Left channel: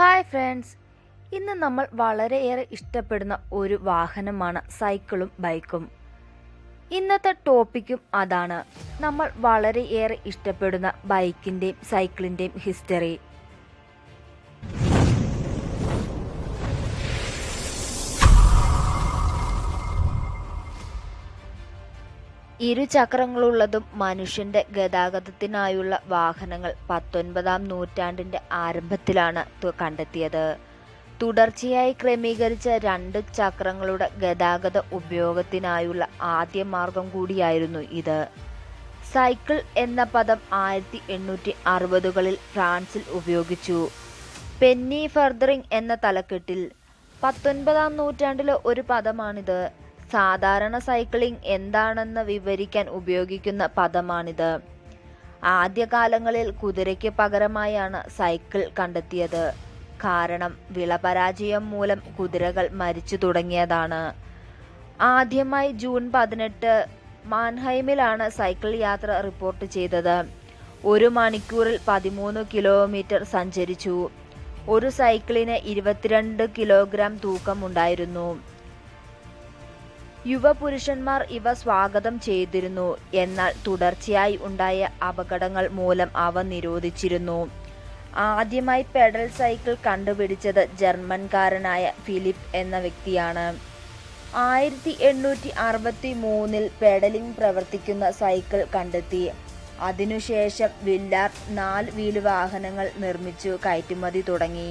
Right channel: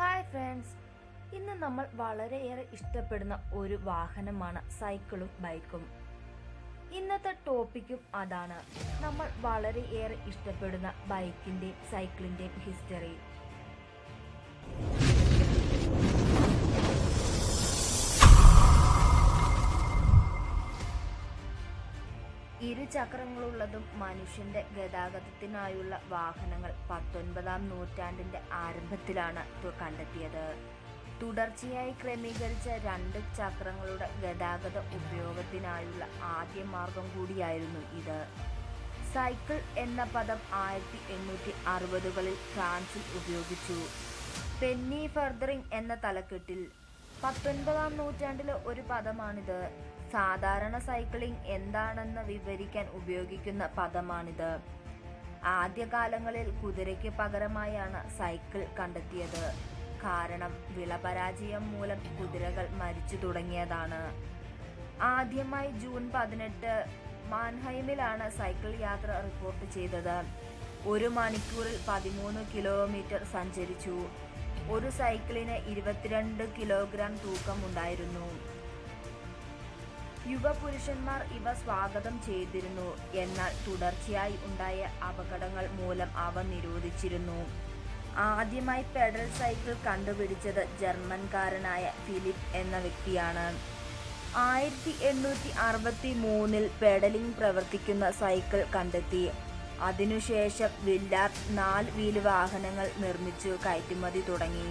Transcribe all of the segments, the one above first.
Hi friends, ഇന്ന് നമ്മൾ വളരെയേറെ ഇഷ്ടപ്പെടുന്ന ഒരു വാഹനമാണ് സൈക്കിളും ബൈക്കും. ഇന്നത്തെ ടോപ്പിക്കും അതാണ്. നമ്മൾ വളരെയേറെ ഇഷ്ടപ്പെടുന്ന ബൈക്കിൻ്റെയും സൈക്കിളിൻ്റെയും ഹിസ്റ്ററി. ഇരുചക്രങ്ങളുള്ളതും മനുഷ്യന്റെ ഗതാഗതത്തിനായുള്ള വാഹനങ്ങൾ 19-ാം നൂറ്റാണ്ടിന്റെ ആരംഭത്തിലാണ് കണ്ടെത്തിയത്. തുടർച്ചയായി ക്രമീകരിച്ച 2 ചക്രങ്ങളുടെ ഗതാഗത ഉപയോഗത്തിനായുള്ള ആദ്യ മാർഗം കൂടിയായിരുന്നു ഇത്. സൈക്കിൾ എന്ന പദം 1860-കളിൽ ഫ്രാൻസിൽ ഉപയോഗിച്ചു. പെന്നി ഫെർദറിംഗ് എന്ന തലക്കെട്ടിൽ 19-ാം നൂറ്റാണ്ടിലെ ഒരു പദമാണിത്. സാധാരണ സൈക്ലിംഗ് എന്താണെന്ന് വിവരിക്കാൻ ഉപയോഗിക്കുന്ന പദമാണിത്. ആദ്യകാലങ്ങളിൽ കുതിരയ്ക്ക് പകരമായാണ് സൈക്കിൾ കണ്ടെത്തിയത്. കാരണം വിളപരാജയം മൂലം കുതിരകൾ മരിച്ചു തുടങ്ങിയതാണ്. ആദ്യമായി ജൂൺ 18 മാൻഹൈമിലാണ് സൈക്കിൾ യാത്ര റിപ്പോർട്ട് ചെയ്തത്. 1 മണിക്കൂറിൽ 13 കിലോമീറ്റർ സഞ്ചരിച്ചു. ഒരു സൈക്കിളിന് 22 കിലോഗ്രാം തൂക്കമുണ്ടായിരുന്നു. യുവപുരുഷന്മാർ ഇവ സ്വാഗതം ചെയ്തിരുന്നു. എന്നാൽ തുടർച്ചയായി ഉണ്ടായ അപകടങ്ങൾ മൂലം അവ നിരോധിച്ചിരുന്നു. ആദ്യമായി പെഡൽ സൈക്കിൾ കണ്ടുപിടിച്ചത് ജർമ്മൻകാരനായ ഫിലിപ്പ് എന്ന വ്യക്തിയാണ്. 1863 പെഡലിംഗ് പ്രവർത്തിക്കുന്ന സൈക്കിൾ കണ്ടെത്തി. അതിനുശേഷം വില്ലാർഡ് 4 വീല് വാഹനങ്ങൾ നിർമ്മിച്ചു കയറ്റുമതി തുടങ്ങി.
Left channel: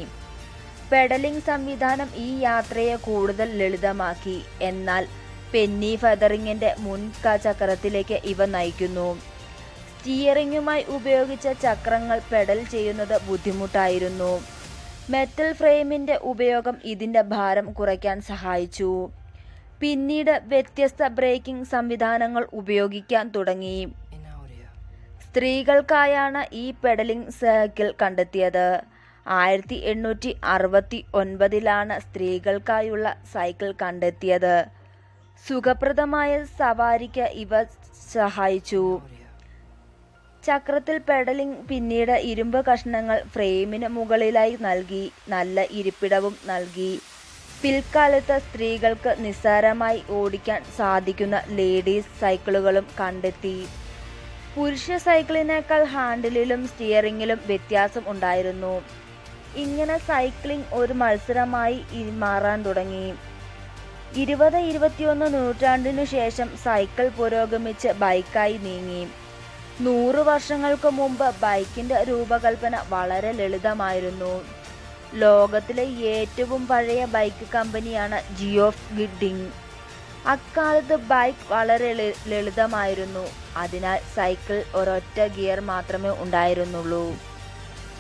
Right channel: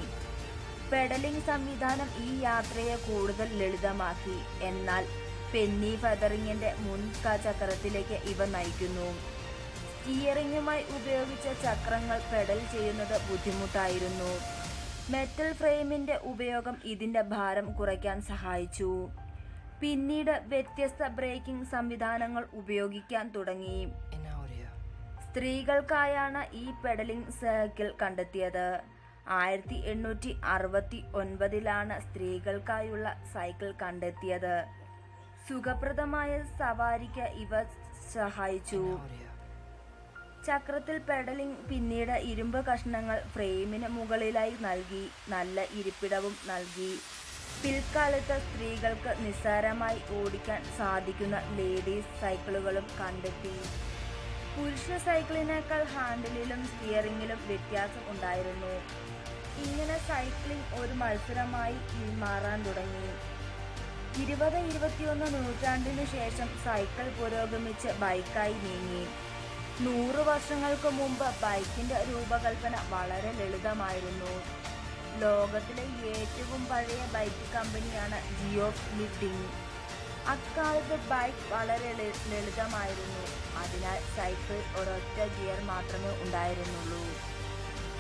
പെഡലിംഗ് സംവിധാനം ഈ യാത്രയെ കൂടുതൽ ലളിതമാക്കി. എന്നാൽ പെന്നി ഫെദറിങ്ങിന്റെ ചക്രത്തിലേക്ക് ഇവ നയിക്കുന്നു. സ്റ്റിയറിംഗുമായി ഉപയോഗിച്ച ചക്രങ്ങൾ പെഡൽ ചെയ്യുന്നത് ബുദ്ധിമുട്ടായിരുന്നു. മെറ്റൽ ഫ്രെയിമിന്റെ ഉപയോഗം ഇതിന്റെ ഭാരം കുറയ്ക്കാൻ സഹായിച്ചു. പിന്നീട് വ്യത്യസ്ത ബ്രേക്കിംഗ് സംവിധാനങ്ങൾ ഉപയോഗിക്കാൻ തുടങ്ങി. സ്ത്രീകൾക്കായാണ് ഈ പെഡലിംഗ് സൈക്കിൾ കണ്ടെത്തിയത്. 1869 സ്ത്രീകൾക്കായുള്ള സൈക്കിൾ കണ്ടെത്തിയത്. സുഖപ്രദമായ സവാരിക്ക് ഇവ സഹായിച്ചു. ചക്രത്തിൽ പെഡലിംഗ് പിന്നീട് ഇരുമ്പ് കഷ്ണങ്ങൾ ഫ്രെയിമിന് മുകളിലായി നൽകി നല്ല ഇരിപ്പിടവും നൽകി. പിൽക്കാലത്ത് സ്ത്രീകൾക്ക് നിസ്സാരമായി ഓടിക്കാൻ സാധിക്കുന്ന ലേഡീസ് സൈക്കിളുകളും കണ്ടെത്തി. പുരുഷ സൈക്കിളിനേക്കാൾ ഹാൻഡിലിലും സ്റ്റിയറിംഗിലും വ്യത്യാസം ഉണ്ടായിരുന്നു. ഇങ്ങനെ സൈക്ലിംഗ് ഒരു മത്സരമായി മാറാൻ തുടങ്ങി. 20-21 നൂറ്റാണ്ടിനു ശേഷം സൈക്കിൾ പുരോഗമിച്ച് ബൈക്കായി നീങ്ങി. 100 വർഷങ്ങൾക്ക് മുമ്പ് ബൈക്കിന്റെ രൂപകൽപ്പന വളരെ ലളിതമായിരുന്നു. ലോകത്തിലെ ഏറ്റവും പഴയ ബൈക്ക് കമ്പനിയാണ് ജിയോഫ് ഗിഡിങ്. അക്കാലത്ത് ബൈക്ക് വളരെ ലളിതമായിരുന്നു. അതിനാൽ സൈക്കിൾ ഒരൊറ്റ ഗിയർ മാത്രമേ ഉണ്ടായിരുന്നുള്ളൂ.